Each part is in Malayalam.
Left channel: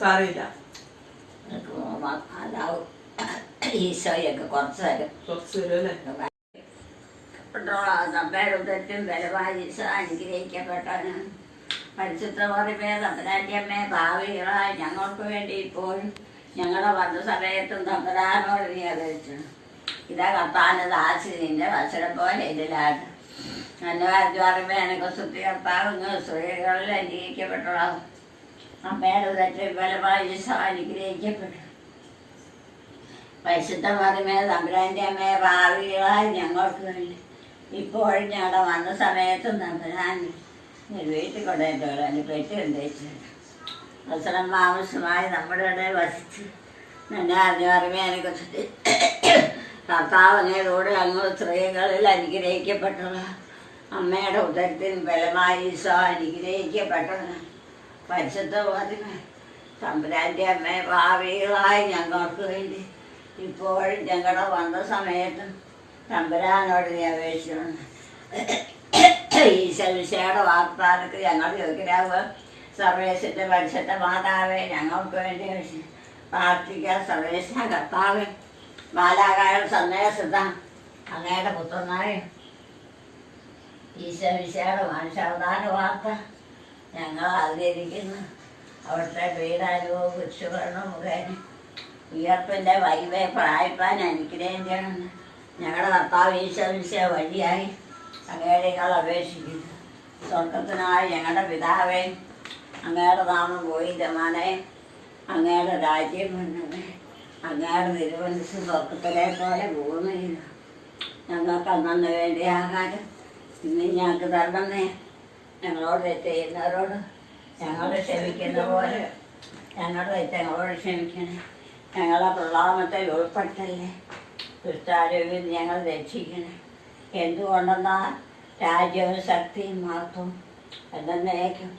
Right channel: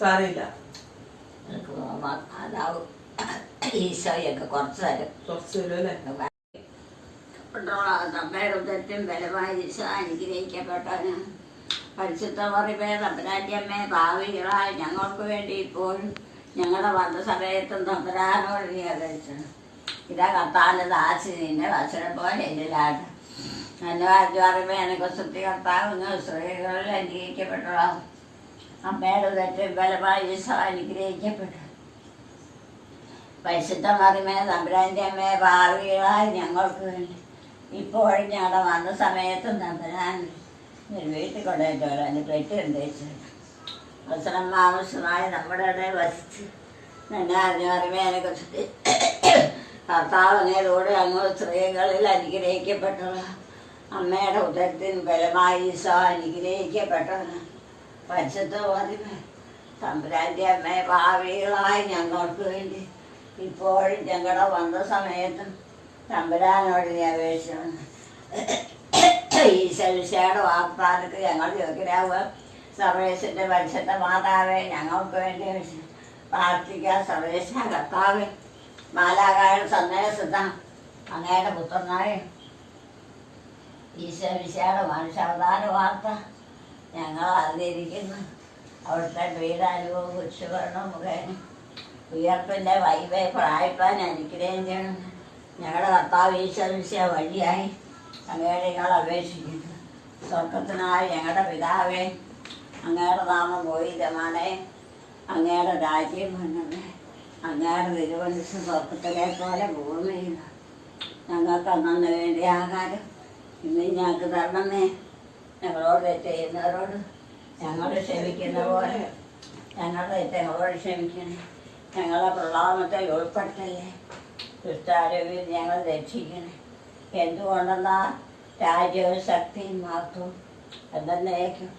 സാരമില്ല. നിനക്ക് മ- അതാവും. ഈശോയൊക്കെ കുറച്ച് തരും. കുറച്ച് തരും അല്ലേ? അമ്മയുടെ ഉദരത്തിൽ ബലമായി ഈശോ അനുഗ്രഹിക്കപ്പെട്ടവന്. പരിശുദ്ധ ഭാവികളായ ഞങ്ങൾക്ക് വേണ്ടി ഇപ്പോഴും ഞങ്ങളുടെ വന്ന സമയത്തും തമ്പരാനോട് നീ അറിയിച്ചു ഇതാ കർത്താവിന്റെ ദാസി നിന്റെ വത്സരം പോലെ ഇതിലാണ് നല്ല പറയുമ്പോൾ എനിക്ക് സുത്തി കർത്താവ് സ്ത്രീകളിൽ അനുഗ്രഹിക്കപ്പെട്ടതാണ് അമ്മയുടെ ഉദരത്തിൽ ബലമായി അനുഗ്രഹിക്കപ്പെട്ടു പരിശുദ്ധ മറിമേ തമ്പുരാന്റെ അമ്മയെ ഭാവികളായി ഞങ്ങൾക്ക് വേണ്ടി. ഇപ്പോഴും ഞങ്ങളുടെ വന്ന സമയത്ത് തമ്പുരാൻ വീട്ടിൽ കൊണ്ടുപോയിട്ട് എന്റെ പെട്ടി ഉണ്ടേച്ചിട്ടുണ്ട് പ്രസനം ആവശ്യമായി നമ്മുടെ ഇടയിൽ വസിച്ച് എന്നെ അറിഞ്ഞു പറയുമ്പോൾ അതിനെക്കുറിച്ചിട്ട് കർത്താവ് അങ്ങ് സ്ത്രീകളിൽ അനുഗ്രഹിക്കപ്പെട്ടത് അമ്മയുടെ ഉദരത്തിൽ ബലമായി ഈശോ അനുഗ്രഹിക്കപ്പെട്ടത് പരിശുദ്ധ മറിമേ തമ്പുരാന്റെ അമ്മയെ ഭാവികളായി ഞങ്ങൾക്ക് വേണ്ടി ഇപ്പോഴും ഞങ്ങളുടെ വന്ന സമയത്തും തമ്പുരാനോട് നീ അപേക്ഷിച്ചു ഈശ്വരയുടെ വാഗ്ദാനക്ക് ഞങ്ങൾ യോഗ്യരാവുക. സർവേശന്റെ പരിശുദ്ധ മാതാവെ ഞങ്ങൾക്ക് വേണ്ടി പ്രാർത്ഥിക്കുക സർവേശ കർത്താവ് മാലാകായ സന്ദേശത അങ്ങയുടെ പുത്രനായ ഈശ്വരയുടെ മനുഷ്യാവതാര വാർത്ത ഞങ്ങൾ അറിഞ്ഞിരിക്കുന്നു. അവിടുത്തെ പീഡാനുഭവം കുരിശുകരണം മുഖേന ഉയർപ്പിന്റെ വൈവേ പ്രായപ്പാൻ അനുഗ്രഹം ചെയ്യണം. ഞങ്ങളുടെ കർത്താവ് ഈശ്വരിച്ച വഴിയായി അങ്ങയുടെ ഞങ്ങൾ അപേക്ഷിക്കുന്നു. സ്വർഗത്തിനായി ഞങ്ങളുടെ പിതാവേ അങ്ങയുടെ നാമം രമാനെ അങ്ങയുടെ രാജ്യം വന്നേ അങ്ങയുടെ തിരുവനന്തപുരം സ്വർഗത്തിലെ പോലെ ഭൂമിയില്ല ഞങ്ങൾക്ക് അന്നു വേണ്ടി ആഹാരം ഇന്ന് ഞങ്ങൾക്ക് തരണമേ. ഞങ്ങളോട് ചെയ്യുന്നവരോട് ഞങ്ങളെ ക്ഷമിക്കുന്ന പോലെ ഞങ്ങളുടെ ഞങ്ങളോട് ക്ഷമിക്കണേ. ഞങ്ങളെ പ്രളാമത്തെ ഉൾപ്പെട്ടല്ലേ. ദുഷ്ടാരോഗ്യം ഞങ്ങൾ രക്ഷിക്കണേ. എന്തുകൊണ്ടെന്നാ രാജ്യവും ശക്തിയും മാത്രം എന്തെന്നേക്കും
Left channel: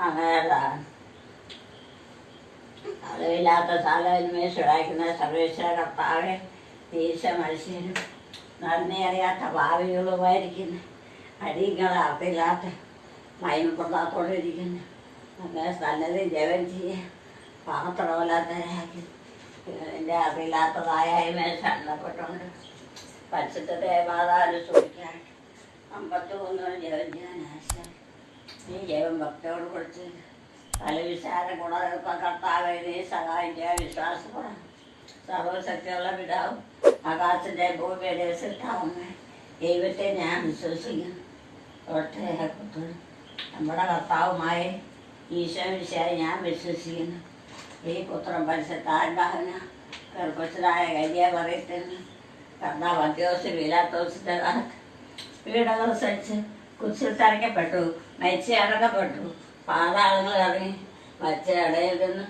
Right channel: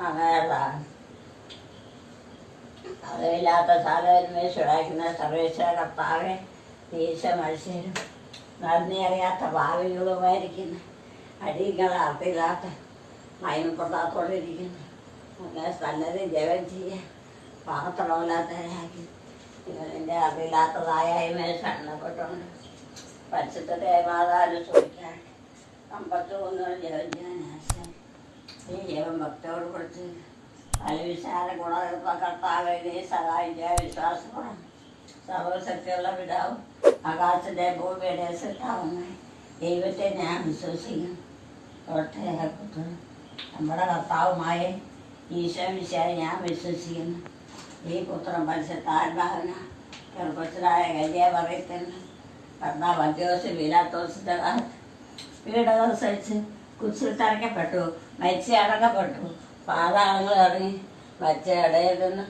അങ്ങനെയുള്ളതാണ്. അറിവില്ലാത്ത സാധനമേ ചുടാക്കുന്ന സർവേശ്വര കർത്താവെ നീശ മത്സ്യരും നന്ദി അറിയാത്ത ഭാവികളുമായിരിക്കുന്ന അടിയങ്ങൾ അറിയില്ലാത്ത മയമപ്പെടാത്തോടിരിക്കുന്നു അങ്ങനെ സന്നദ്ധി ജപം ചെയ്യാൻ പാത്രമില്ലാത്തവരാക്കി ഇതിന്റെ അറിയില്ലാത്തതായ ശരണപ്പെട്ടുകൊണ്ട് പരിശുദ്ധത്തെ മാതാവിന് സൂക്ഷിക്കാൻ അമ്പത്തി ഒന്നും ജപം ചെയ്യാൻ ആശയം ഈ ജപം ഭക്തോട് കൊടുത്ത് ഫലവിശാല ഗുണകർത്ത കർത്താവെ നീ സഹായിക്കാൻ വിശ്വാസപ്പെടാം സർവശക്തിയുള്ള പിതാവും ആകാശത്തെ ഭൂമിയുടെ സിട്ടാവുന്ന ദൈവത്തെ ഞാൻ വിശ്വസിക്കുന്നു ഒറ്റ നമ്മുടെ കർത്താവുമായ ഈശോ വിശാലെ ഞാൻ വിശ്വസിക്കുന്നു. ഈ പുത്രം പരിശുദ്ധാത്മാവിന് ഗർഭസ്ഥരായ കല്യ പറയത്തിന് കർത്താവ് അദ്യോസ് വിലാത്തോസിന്റെ വീടുകൾ സഹിച്ച് കുച്ചിൽ തറയ്ക്കപ്പെട്ടു. മരിച്ച അടക്കപ്പെട്ടു. പാതാളങ്ങൾ ഇറങ്ങി മരിച്ച ഇടയിൽ നിന്ന്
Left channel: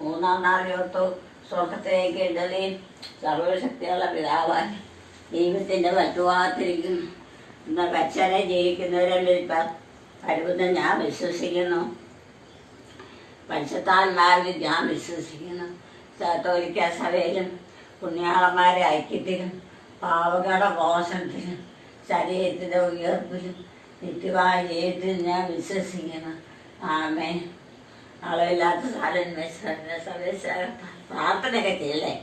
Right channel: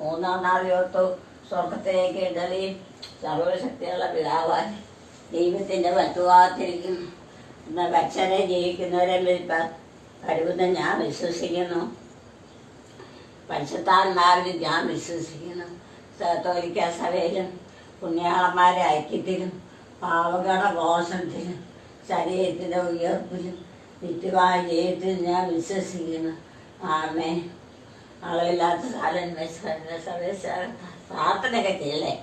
മൂന്നാം നാൾ യോർത്തു സ്വർഗത്തിലേക്ക് ഇടലിയും സർവശക്തിയുള്ള പിതാവാൻ ദൈവത്തിന്റെ പറ്റുവാത്തിരിക്കുന്നു എന്നാൽ കച്ചനെ ജയിക്കുന്നവരെ വിളിപ്പാൻ കഴിവെന്ന് ഞാൻ വിശ്വസിക്കുന്നു പരിശുദ്ധാത്മാവിൽ ഞാൻ വിശ്വസിക്കുന്നു സത്തോലിക്ക സഭയിലും പുണ്യാളന്മാരെ ഐക്യത്തിലും പാവകളുടെ മോശത്തിലും ശരീരത്തിൻ്റെ ഉയർപ്പിലും നിത്യമായ ജീവിതത്തിൽ ഞാൻ വിശ്വസിക്കുന്നു ആമേ അളവില്ലാത്ത കാലം പ്രാർത്ഥനയൊക്കെ ചെയ്യല്ലേ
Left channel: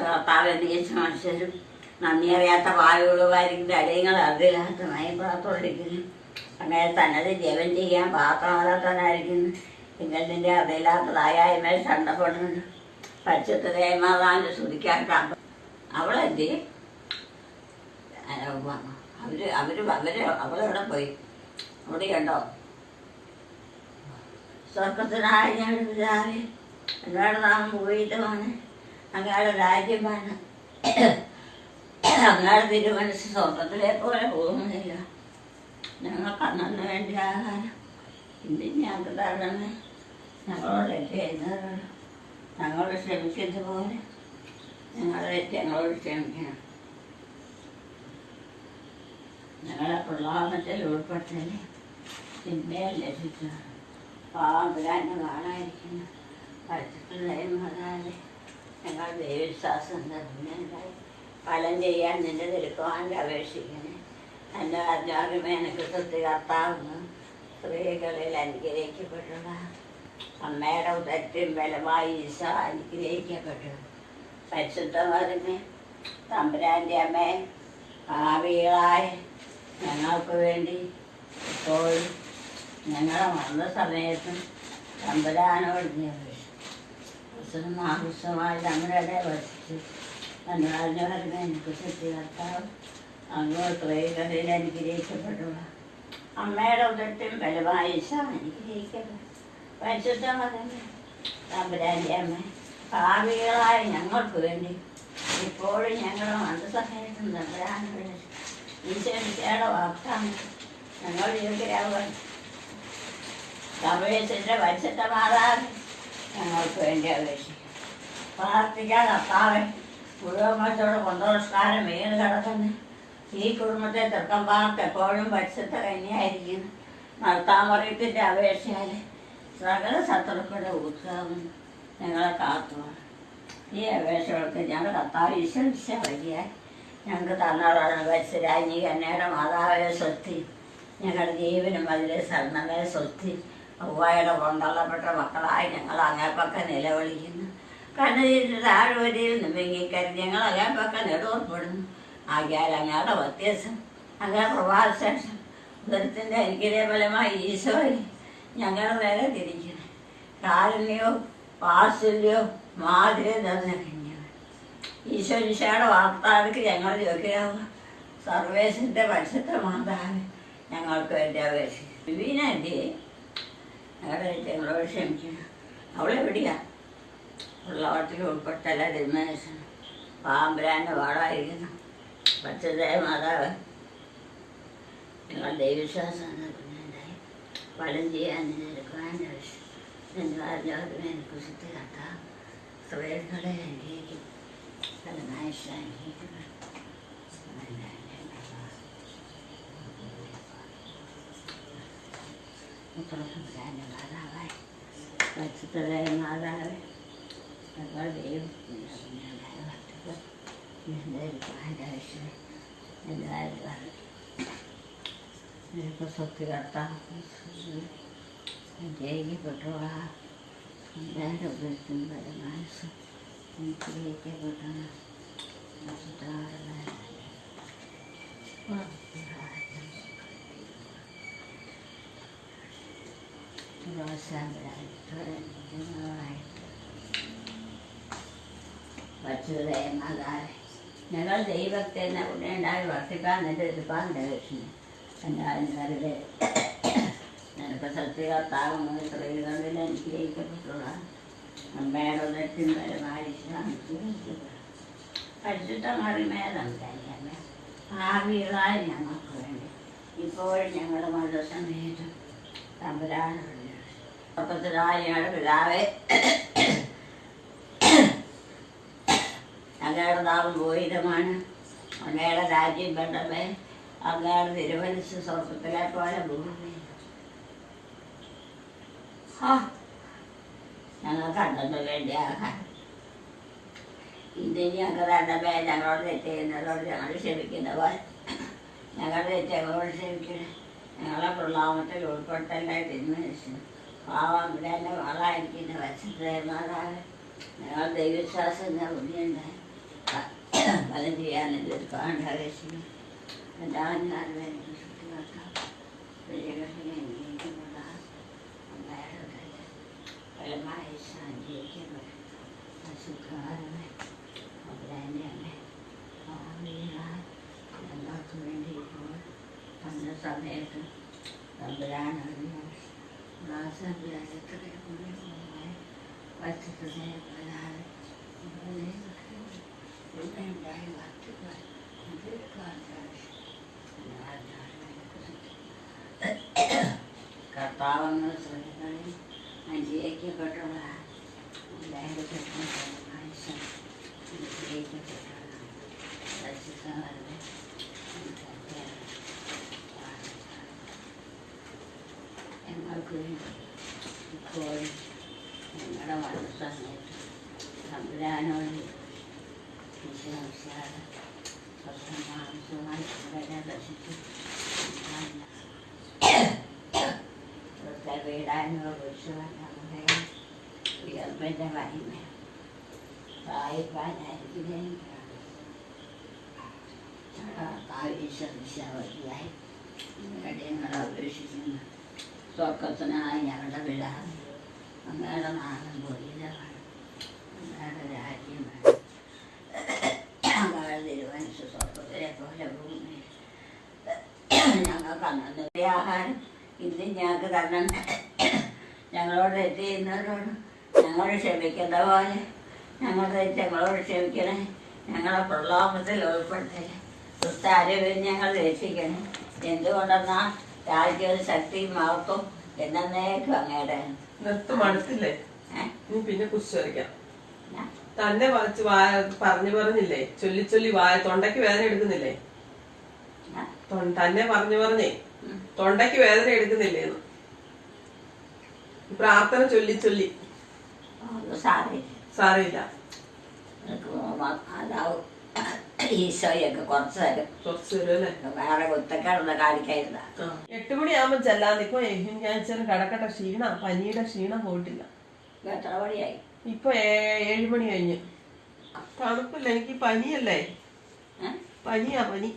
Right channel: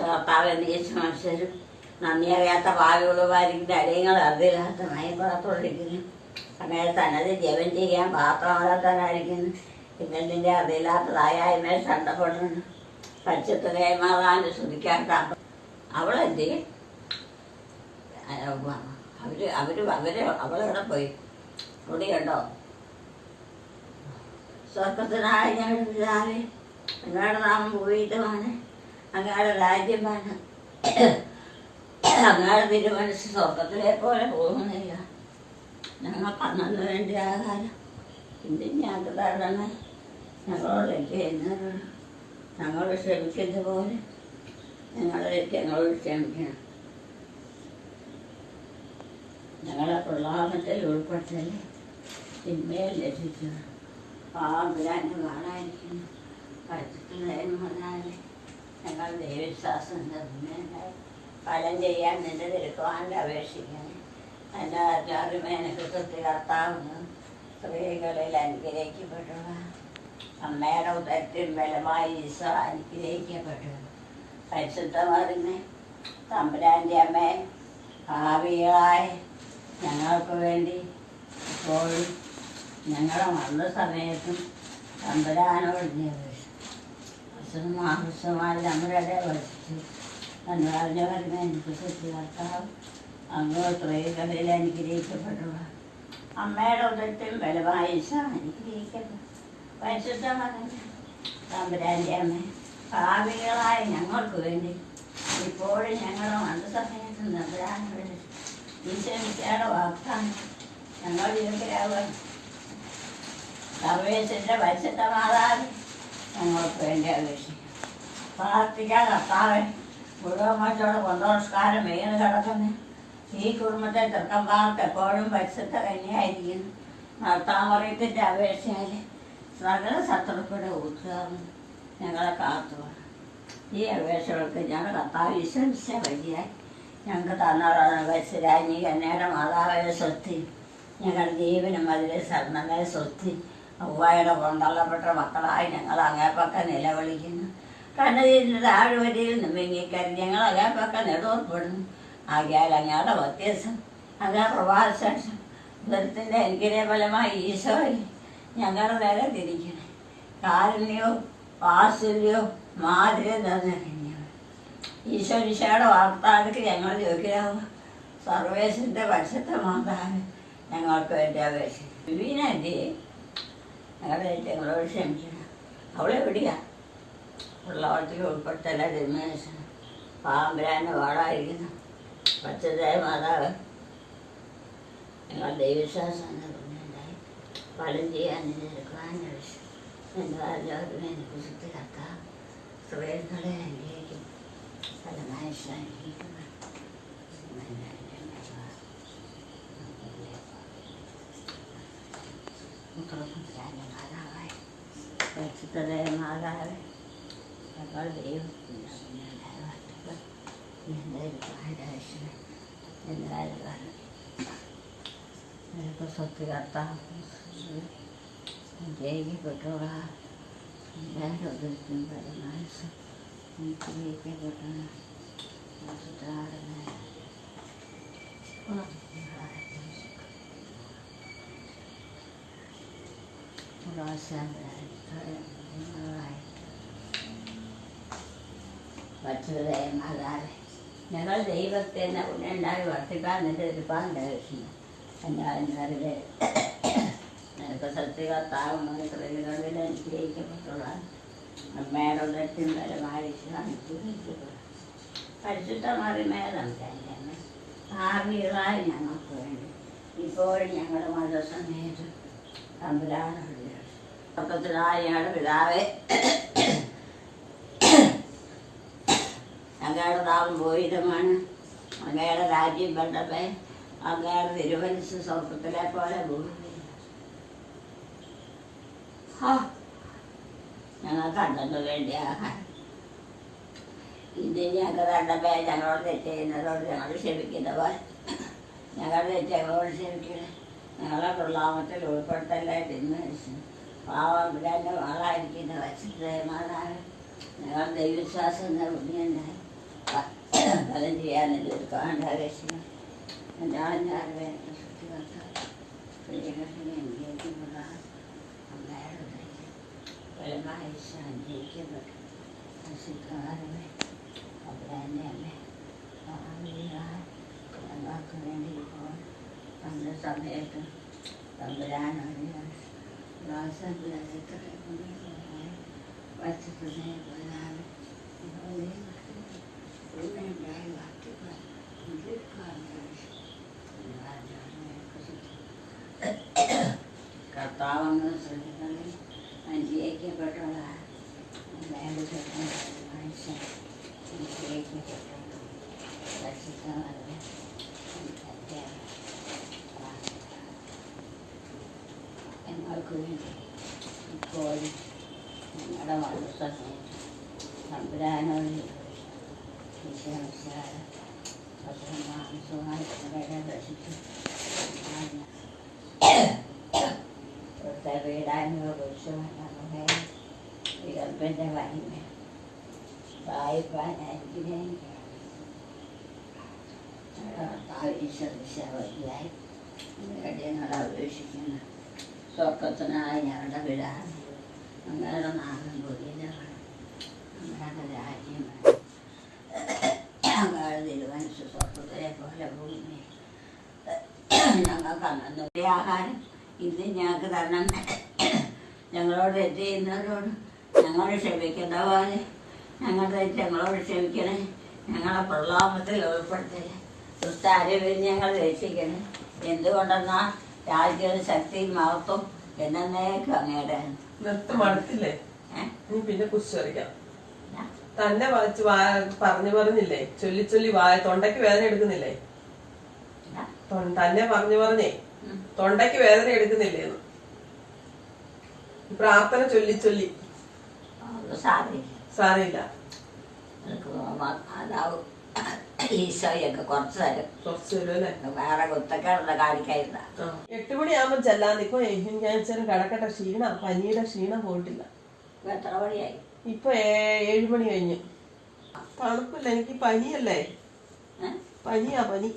കർത്താവ് അന്വേഷിച്ച മനുഷ്യരും നന്ദി അറിയാത്ത പാലുകളുമായിരിക്കുന്ന അടിയങ്ങൾ അറിയില്ലാത്ത മയപ്പാത്തോടിരിക്കുന്നു അങ്ങനെ തന്നത് ജപം ചെയ്യാൻ പാത്രമാകാത്തവനായിരിക്കുന്നു പിന്നെ നിന്റെ അറിയില്ലാത്തതായ മേൽ ചണ്ടപ്പെടുന്നു പരിശുദ്ധതയെ മാതാവിന്റെ സ്തുതിക്കാൻ അവളെന്തി? അവർ അവർ അവർ അവളെവിടെ പോയി? അവിടെ ഉണ്ടോ സ്വർഗത്തിനായ ഞാൻ എന്നോട് നാം പോയിട്ടുമാണ് അങ്ങയുടെ രാജ്യമാണ്. അങ്ങയുടെ തിരുമനസ് സ്വർഗത്തിലെ പോലെ പോകുന്നില്ല. ഞങ്ങൾക്ക് അന്നു വേണ്ടി ആഹാരം. ഇന്ന് ഞങ്ങൾക്ക് തരണമേ ഞങ്ങളോട് ചെയ്യുന്നവരോട് ഞങ്ങൾ ക്ഷമിച്ചത് പോലെ ഞങ്ങളെ ഞങ്ങളോട് ക്ഷമിക്കണം. ഞങ്ങളെ പ്രളാപത്തിൽ ഉൾപ്പെട്ടല്ലേ. തിന്മയെ ലഭിക്കണം പാമ്പിലാനെ കാണാതിരിക്കുന്നു പഠിച്ചിട്ടുണ്ടായിരുന്നതാതെ ഞങ്ങൾ ദൈവവിശ്വാസം നിർമ്മലായി ഫലം ചെയ്യാൻ നിന്റെ തിരുക്കുവാന്റെ അപേക്ഷിക്കണേ. എന്റെ എനിക്ക് സൃഷ്ടി കർത്താവുന്നു സ്ത്രീകളിൽ അനുഗ്രഹിക്കപ്പെട്ടു അമ്മയുടെ ഉദരത്തിൻ ബലമായി ഈശോ അനുഗ്രഹിക്കപ്പെട്ടു. പരിശുദ്ധമറിമേ തമ്പുരാന്റെ അമ്മ ഭാവികളായി ഞങ്ങൾക്ക് വേണ്ടി ഇപ്പോഴും ഞങ്ങളെ വന്ന സമയത്തും തമ്പുരാനോട് നീ ആവശ്യമായി ഞങ്ങളുടെ വസിച്ചു. അനുരാജകരുമേ എനിക്ക് സത്യകർത്താവ് അങ്ങ് വഴികളിൽ അനുഗ്രഹിക്കപ്പെടുക. അമ്മയുടെ ഉദരത്തിലും ബലമായി ഈശോ അനുഗ്രഹിക്കപ്പെട്ടു പരിശുദ്ധമറിമേ തമ്പുരാന്റെ അമ്മ ഭാവികളായ ഞങ്ങൾക്ക് വേണ്ടി ഇപ്പോഴും ഞങ്ങൾ മന്ദസമയത്ത് നഗരാണ് ഈശ്വരിക്കയുടെ വാക്കാണ് ഞങ്ങൾ ജീവിതരാകുവാൻ സമയത്തിന്റെ പരിശുദ്ധ മാതാവ് ഞങ്ങൾക്ക് വേണ്ടി അപേക്ഷിക്കും. പ്രാർത്ഥിക്കാൻ കർത്താവ്. മറ്റോടെ കൊന്തോസ്കാരം വീണ് കിടക്കുന്നു? ഈ കുടുംബത്തെ ചെറുക്കന്മാർക്ക് എപ്പോഴും പരിശുദ്ധ കന്യായിരിക്കുന്നു. നടത്താമറിയത്തിന്റെ അപേക്ഷയാൽ സകല ശത്രുക്കളുടെ ഉത്സവം ഞങ്ങളെ കാത്തു ഈ അപേക്ഷകൾക്ക് ഞങ്ങൾ കർത്താവ് വിശ്വസിച്ച വഴിയായി ഞങ്ങൾക്ക് തന്നതാണ് വത്സരാജി കന്യയുടെ മാതാവിനെ സ്വത്തി ഞങ്ങളുടെ ജീവനും അതിലെ ശരണമേ സ്വത്തി ഔവായുടെ കൊണ്ടള്ളപ്പെട്ട മക്കളായി ഞങ്ങൾ അങ്ങേപ്പക്ക നിലവിളിക്കുന്നു. കണ്ണതിന്റെ താഴ്വരയിൽ നിന്ന് വെങ്ങിക്കരി ഞങ്ങൾ അങ്ങേപ്പക്ക നെടുവർപ്പെടുന്നു ആകിയാൽ അങ്ങയുടെ വ്യത്യാസം അങ്ങേ പ്രഭാതശേഷം ദുരിതത്തിന്റെ എനിക്കിതേ ഫലമായി ഈശോയെ ഞങ്ങളുടെ നേരെ തിരിക്കണം. കാരുണ്യോ വാത്സല്യവും മാധുര്യം തന്നേക്കണം ഈശോ ഈശോയുടെ വാർത്താവിക്ക് ഞങ്ങൾ സർവേശന്റെ പക്ഷത്തെ മാതാവ് ഞങ്ങൾക്ക് വേണ്ടി അപേക്ഷിക്കും വീണല്ലേ ഞങ്ങളുടെ ഞങ്ങളോട് ക്ഷമിക്കണം അവളെ എവിടെയാ ഉള്ളവട്ടിൽ ഉൾപ്പെട്ടല്ല രമേശൻ പാമ്പരാന്റെ വാടായിരിക്കുന്നു പച്ചതായ മാതാവ്. ഞങ്ങൾ ദൈവവിശ്വാസം ഉണ്ടായി ഫലം ചെയ്യാൻ എന്റെ ആചാരത്തിന് എനിക്ക് ശുദ്ധിയാക്കാം സ്ത്രീകളെ അനുഗ്രഹിക്കും. ഫലമായി അനുഭവിക്കുന്നു മുത്തളസംബ്രാന്റെ മാതാവായി പരിശുദ്ധമായ മാതാവ്. ഞങ്ങൾ ദൈവം എല്ലാവരും എല്ലാവരും നിനക്ക് സത്യകർത്താവ് ജയിക്കപ്പെട്ടോളാ എല്ലാവരും ഉദ്ദേശിക്കും പരമായ അനുഗ്രഹിക്കപ്പെട്ടു മാതാവേ ഞങ്ങൾ ദൈവത്തെ ഉണ്ടായി വർദ്ധിക്കാൻ നിന്റെ ഇരുപ്പാൻ ദർശനം എന്നാൽ നിനക്ക് സത്യകർത്താവുന്ന സ്ത്രീകളിൽ അനുഗ്രഹിക്കപ്പെട്ടുള്ളതാണ് അമ്മയുടെ ഉദരത്തിൻ പരമായി അനുഗ്രഹിക്കപ്പെടും. പരിശുദ്ധ മറിമേതന്നെ ഭാവികളായി ഞങ്ങൾക്ക് വേണ്ടി. ഇപ്പോഴും ഞങ്ങളുടെ മതസമേതം തമ്പുരാനുള്ള ഞങ്ങളുടെ പിതാവേ അങ്ങയുടെ നാളും ഭൂരിതമാണ് അങ്ങയുടെ രാജ്യം വേണ്ടമേ അങ്ങയുടെ തിരുവനസ് സ്വർഗത്തിലെ പോലെ ഭൂമി. ഞങ്ങൾ കണ്ടു വേണ്ടി ആഹാരം ഇന്ന് ഞങ്ങൾക്ക് വേണ്ടമേ ഞങ്ങളോട് തെറ്റ് ചെയ്യുന്നതോട് ഞങ്ങൾ ക്ഷമിക്കുന്നവർ. ഞങ്ങളുടെ തെറ്റ് ഞങ്ങളോട് ക്ഷമിക്കണേ. ഞങ്ങളെ തുള്ളാമത്തിൽ ഉൾപ്പെടുത്തല്ലേ തിന്മനുഷ്യൻ പാവം തന്നെ ആളായിരിക്കുന്ന വശത്തേമാതാവ് ഞങ്ങൾ ദൈവവിശ്വാസം പുണ്യുണ്ടായി ഫലം ചെയ്യാനുള്ള ഒരു കാണ്ടാകേശനം ഞാൻ വേണ്ടി ശുദ്ധിമാക്കാം പ്രിയകർഷിനെ അംഗീകരിക്കുന്നതാണ് അമ്മയുടെ ദൈവം ഫലമായി സഞ്ചരിക്കപ്പെട്ടു അസുഖകാരനെ അവരെന്നെ അമ്മേ ഞങ്ങൾക്ക് വേണ്ടി ഇപ്പോൾ തന്ന സമയത്ത് തമ്പുരാനാണ് കർത്താവെന്ന് ഞങ്ങൾക്ക് വേണ്ടി ഇപ്പോഴും ഞങ്ങളുടെ മനസ്സമയത്ത് തമ്പുരാനോട് വിശ്വാസാണ് മാംസമായി വളരെ രസിച്ചു വീടാനുള്ള പുരുഷനെ ഉയർപ്പിന്റെ മഹിമ വായിപ്പാനായിരിക്കുന്നേ ആവശ്യവതിയായി ഞങ്ങളെ അപേക്ഷിക്കുന്നു സ്വർഗത്തിനായി ഞങ്ങളുടെ വിടാതെ അങ്ങയുടെ നാടൻ പുരിതമാണ് അങ്ങയുടെ രാജ്യമാണ് അങ്ങയുടെ തിരുവനസ് സ്വർഗത്തിലെ പോലെ ഭൂമി ഞങ്ങൾക്ക് അന്നു ആഹാരം. ഇത് ഞങ്ങൾക്ക് തരണം. ഞങ്ങളോട് തെറ്റ് ചെയ്യുന്നവരോട് ഞങ്ങൾ ക്ഷമിക്കുന്ന പോലെ ഞങ്ങൾ ഞങ്ങളോട് ക്ഷമിക്കണേ. ഞങ്ങളെ പ്രലോഭത്തിൽ ഉൾപ്പെടുത്തണേ ദുസ്താരവിൽ ഞങ്ങൾ രക്ഷിക്കണേ. എന്തുകൊണ്ടെന്നാൽ രാജ്യവും ശക്തിയും മഹത്വം എന്നേക്കും അങ്ങേടെ നിർത്ത് മടുത്തില്ലേ? നീ ഇനി പിന്നെ കുറിച്ച് വരയ്ക്കാം. തന്നെ വായിച്ച് വായ പറഞ്ഞു പറഞ്ഞില്ലേ? ചൊല്ലി ചൊല്ലി വായ തൊണ്ടയ്ക്ക് വേദന എടുക്കുന്നില്ലേ? തന്നെ പറഞ്ഞു പറഞ്ഞേ. തൊണ്ടയ്ക്ക് വേദന എടുക്കുന്നില്ലേ പ്രാർത്ഥന ചൊല്ലി ചൊല്ലി. സാറിയില്ല അതാവും. ഈശോയൊക്കെ കുറച്ച് തരും. കുറച്ച് അല്ലേ വേറെ കുത്തക്കേടുള്ള കാണിക്കായിരുന്ന. എട്ട് മണിയാകുമ്പോൾ ചെല്ലാൻ നിൽക്കും ഞാൻ ഇച്ചിരി കിടക്കട്ടെ ക്ഷീണം പനിയുടെ ക്ഷീണം പോയിട്ടില്ല. ഇപ്പൊ എത്ര മണിയായി? ഇപ്പൊ ഏഴ് മണി കഴിഞ്ഞ്. തണുപ്പില്ല എനിക്ക് പനിയല്ലേ? പനിയാ പനി.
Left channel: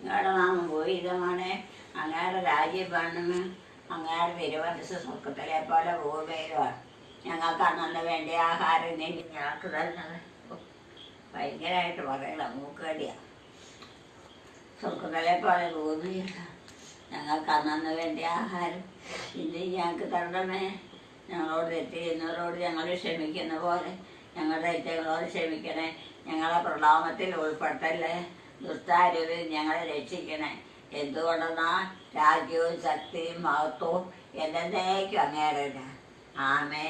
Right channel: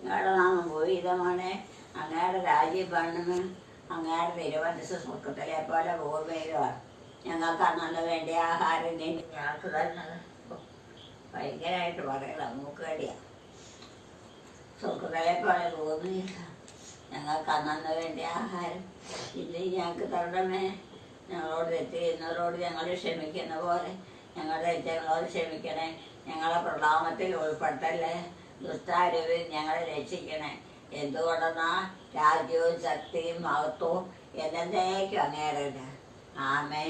നിങ്ങളുടെ നാമം പോയിതമാണ് അങ്ങയുടെ രാജ്യം പണിന് അങ്ങയുടെ തിരുവനസ് സുഖത്തിലെ പോലെ ഭൂമിയിലുമാണ് ഞങ്ങൾക്ക് അന്നല്ല വേണ്ട? ആഹാരം ഞങ്ങൾക്ക് തരുന്നത്. ഭയങ്കരമായിട്ട് പറയണം. മൂക്കേടിയാണ് സുഖത്തിലെ പോലെ ഗോപിയില്ല ഞങ്ങൾക്ക് അന്നു വേണ്ട ആഹാരം. ഇന്ന് ഞങ്ങൾക്ക് തരണമേ ഞങ്ങളോട് തെറ്റ് ചെയ്യുന്നവരോട് ഞങ്ങൾ ക്ഷമിക്കുന്ന പോലെ ഞങ്ങളുടെ തെറ്റങ്ങളോട് ക്ഷമിക്കണേ. ഞങ്ങളെ പ്രണാമത്തിൽ ഉൾപ്പെട്ടല്ലേ? ദുസ്താരവിൽ ഞങ്ങളെ രക്ഷിക്കണേ. എന്തുകൊണ്ടെന്നാ? രാജ്യവും ശക്തിയും മഹത്വവും എന്നേക്കും അങ്ങേറില്ല ആമേ